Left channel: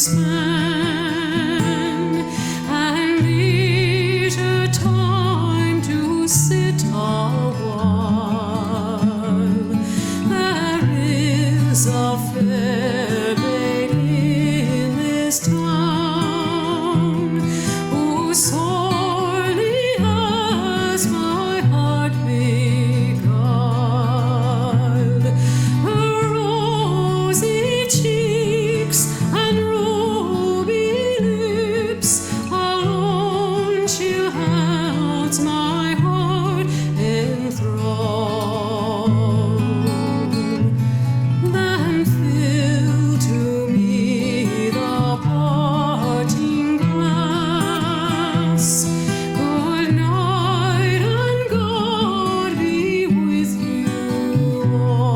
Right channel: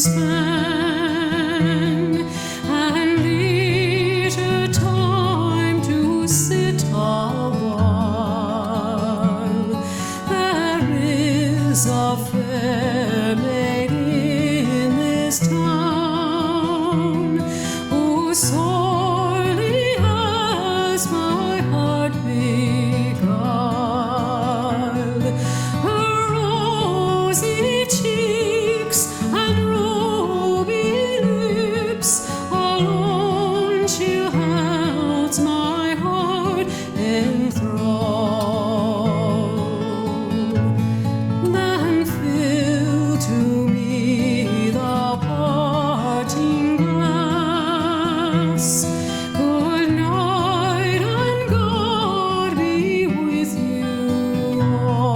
spend, and leisure time to sit a while. There is a fair maid in this town who sorely has my heart beguiled. Her rosy cheeks and ruby lips alone she holds my heart in thrall. Then fill to me the parting glass. Good night, and God be with you all.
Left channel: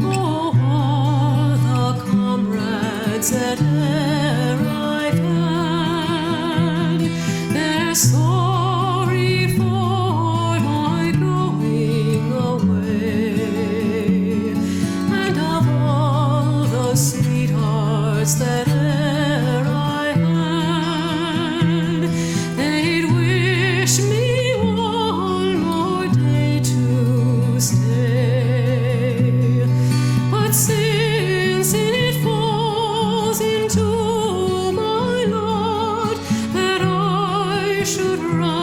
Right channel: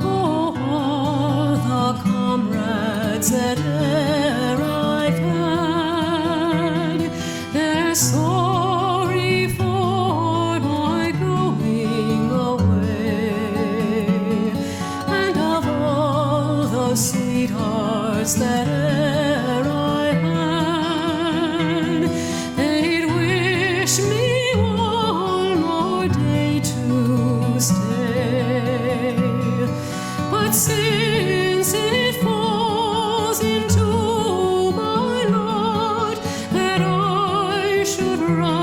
Oh, all the comrades that e'er I've had, they're sorry for my going away. And of all the sweethearts that e'er I had, they'd wish me one more day to stay. But since it falls into my lot that I should run